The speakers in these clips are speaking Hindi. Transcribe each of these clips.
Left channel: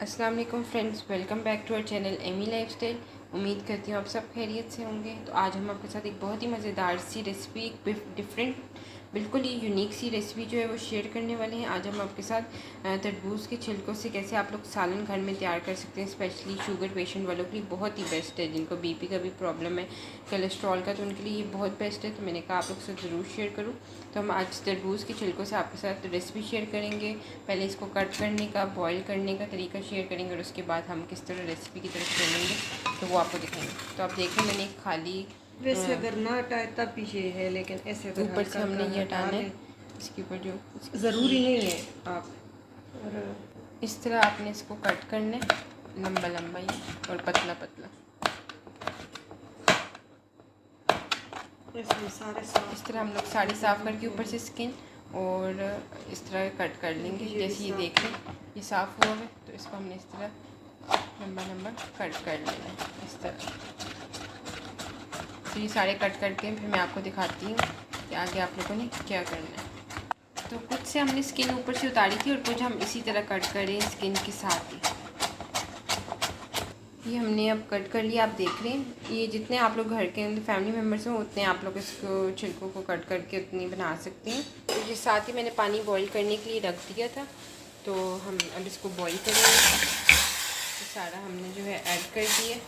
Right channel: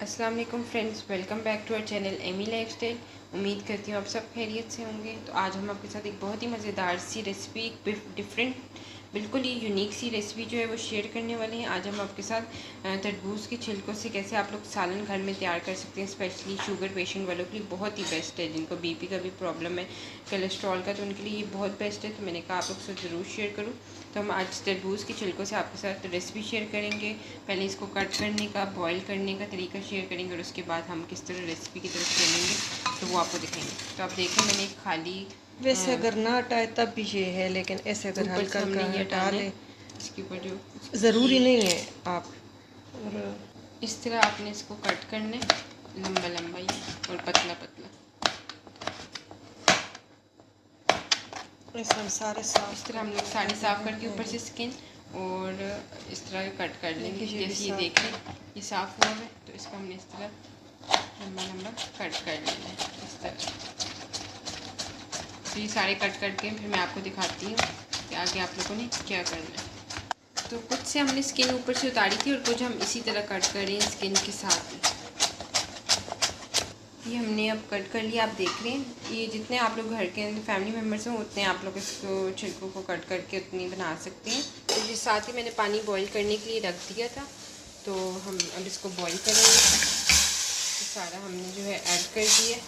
अस्सलाम वालेकुम friends, welcome back to our channel Amy lifestyle. उम्मीद करती हूँ आप सब खैरियत से होंगे। तो आज हम आपके साथ एक बहुत ही मज़ेदार सी रेसिपी, एक डिफरेंट बिल्कुल ही यूनिक सी रेसिपी जो है वो शेयर करने वाले हैं। आज हम आपके साथ तरबूज के छिलकों से कैसे आप लोग सालन घर में तैयार कर सकते हैं। स्पेशली शुगर पेशेंट वालों के लिए बहुत ही बेस्ट है, जिनको बीपी का भी प्रॉब्लम है, कोलेस्ट्रॉल का, तो उनके लिए ये बहुत बेस्ट है। तो मैंने कहा आप लोग से ज़रूर शेयर करूँ। तो हम आज तरबूज के छिलकों से आपके साथ रेसिपी शेयर करेंगे। पहले इसको कट करने का, बॉईल करने का तरीका शेयर करेंगे और उसके बाद हम किस तरह रेसिपी की तरफ चलेंगे तो वो आपको दिखाएंगे। तो आप देखें, मैंने एक खाली वैसे अगर ना हटाए तब भी ये है, लेकिन ऐसे अगर ऊपर से हमने ये हटा हटाना ले, है इसके ऊपर जो ज़रूरी नहीं है आप। और इस तरह आपने इसको कट करना है, लंबा लंबा ही और पतला पतला। ऐसे हम सारे साफ, इस तरह हम लोग साड़ी साफ़ करके ऊपर से स्किन और इस तरह कट कर लेंगे। जैसे ये देखें ये साफ़ हुआ है, तो इसको हमने इस तरह लंबा लंबा कट कर लेना है इस तरह। तो ये सारे कट करके फिर मैं आपको दिखाती हूँ कि आगे आप लोगों ने क्या करना है। तो कुछ से हमने स्किन ऊपर से उतारी थी और कुछ हम इसी तरह कट कर रहे हैं स्किन के साथ ही। ये हमने अब कट कर लिया। आप देख रहे हैं, ये जितने आप लोग घर के अंदर फैमिली मेम्बर्स हों उतने आप लोग इसको छिलकों को कट करके उतनी बना सकते हैं। तो ये साथ ही मैंने पानी बॉईल करने के लिए रख दिया था, तो हम अब इसको बॉईल करेंगे। तो सारा हमने जो है ऐड कर दिया।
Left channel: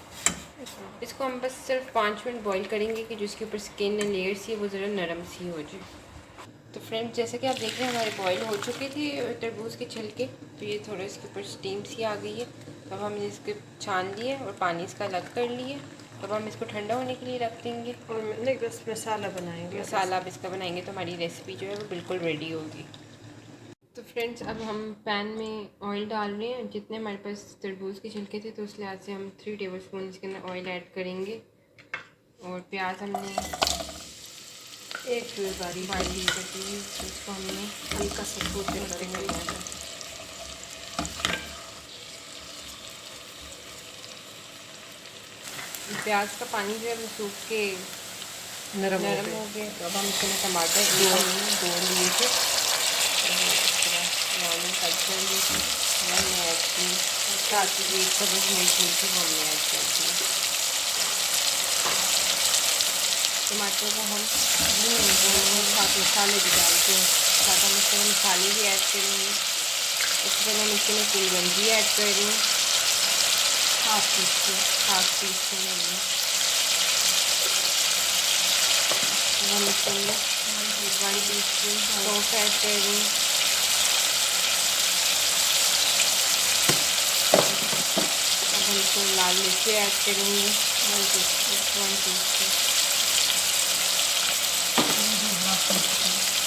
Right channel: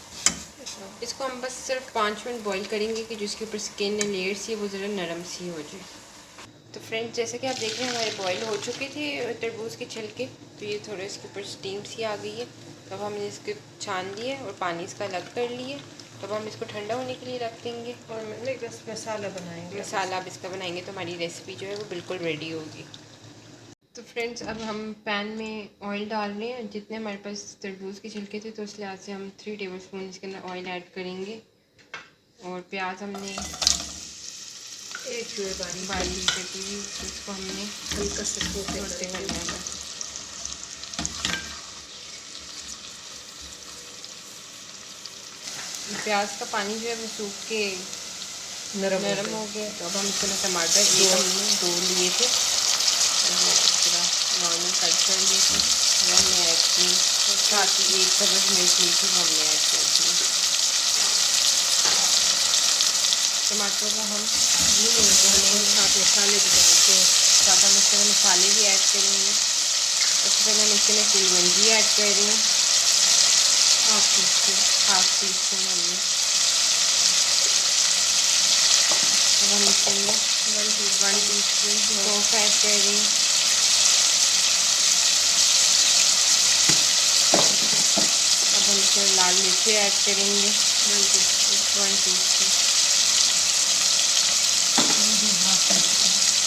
इसको हम बस सिर्फ 5 मिनट बॉईल करेंगे कि जो इसके ऊपर स्किन लेयर सी है वो ज़रा नरम सी हो जाए। तो फ्रेंड्स, जैसे कि आप देख रहे हैं हमारे बॉईल हो चुके थे तरबूज के छिलके, तो ये थोड़ा इसके ऊपर स्टीम सी आ गई है। तो अब हमने इसके छान लिए और पानी इसका अलग कर लिए। तो अब हम इसको ठंडा होने के लिए रख देंगे और नहीं, बस मसाला बनाएंगे। मसाला अब इसका बनाएंगे तो हमारी रेसिपी जो है वो बिल्कुल रेडी होगी। तो फ्रेंड्स, अब हम पैन में ऑयल डाल रहे हैं। जितने हमारे पास तरबूज के छिलके थे तो उस लिहाज से हम 3 टेबलस्पून इसके अंदर ऑयल ऐड करेंगे। और प्याज हमने एक बारी बारीक कटी हुई, तो इसको हमने हल्का सा छोटे करना है। प्याज का पानी जो है वो सूख के नरम हो गया। तो अब हम इसमें टमाटर दो लिए थे, इस तरह नॉर्मल कट कर लिए थे, वो हमने ऐड की। साथ ही एक सब्ज़ मिर्च ली थी, वो हमने ऐड कर दी। टमाटर को हम साथ मसाले भी डालते हैं, ज़्यादा मसाले भी ऐड करेंगे। उससे पहले हम इसके में कुलवंजी ऐड कर रही हूँ, हाफ टी स्पून हमने। हम इसके अंदर 1 टीस्पून सौंफ ऐड कर रही हूँ। अब हम इसमें लाल मिर्ची ऐड करेंगे 1 टीस्पून।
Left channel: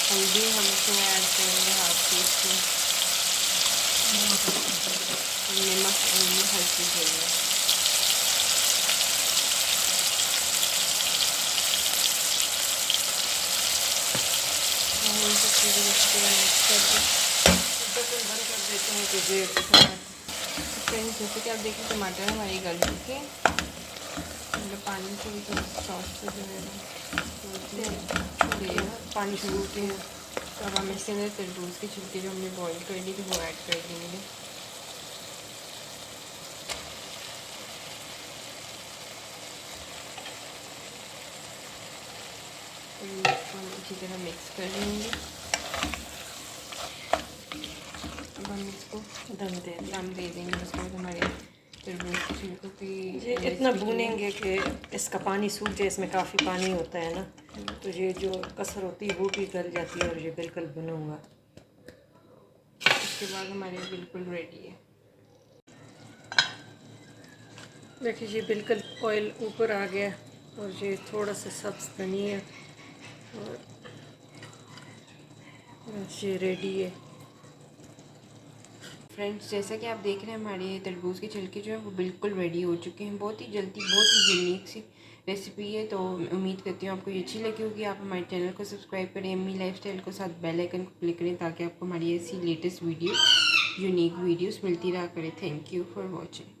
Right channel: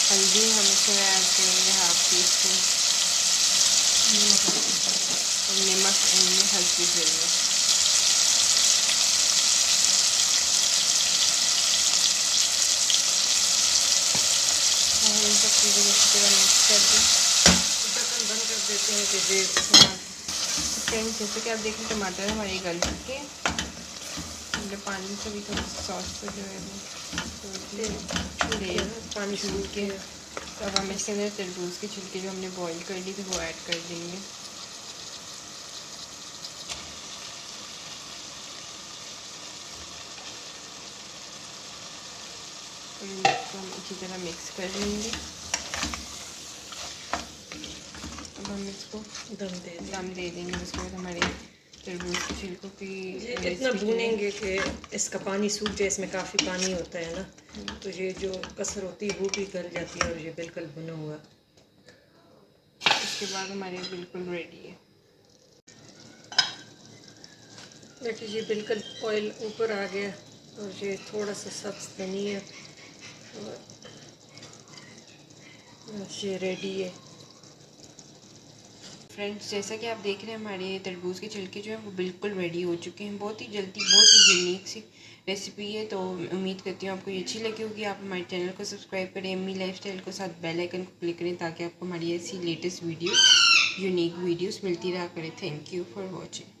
हल्दी हम इसमें ऐड करेंगे हाफ टी स्पून। नमक हल्की ज़रूरत। इन सब चीज़ों को अच्छी तरह मिक्स कर दें। बटन बंद कर देते हैं कि ये तो फ्रेंड्स, जैसे कि आप देखें टमाटर हमारे गल चुके हैं। मतलब पानी से भी थोड़ा सॉस पर जो है वो पानी छूट के। तो अब हम इसके अंदर तरबूज के छिलके जो हमने बॉईल कर ली थी वो ऐड कर देंगे। इसको हम अच्छी तरह मिक्स कर लेंगे। अब हम इसको दम दे देंगे। उसके बाद हमारे तरबूज के छिलकों की इतना भूनेंगे कि इसका पानी सूख जाए। इसमें काफ़ी पानी होता है ना, तो ये जो कसर होती है वो भी गल जाती है और ये बिल्कुल भुना हुआ। उसके बाद हमारे बिल्कुल रेडी है। देखिए ये बिल्कुल ऑयल ऊपर आ गया और ये थोड़ा सा सब्ज़ धनिया और ये रेडी है। फ्रेंड्स, जैसा कि आप देख रहे हैं हमारे तरबूज के छिलके जो है वो बिल्कुल रेडी हो चुके हैं। बहुत ही जल्दी, बहुत ही यूनिक सी रेसिपी है। तो उम्मीद करती हूँ आपको ये अच्छी लगी होगी। आप हमारे चैनल को सब्सक्राइब करें, एमी लाइफस्टाइल को, साथ बेल आइकन को क्लिक करें ताकि आपको हमारी ऐसी लेटेस्ट यूनिक वीडियोस मिलती रहा करें। Thank you for watching.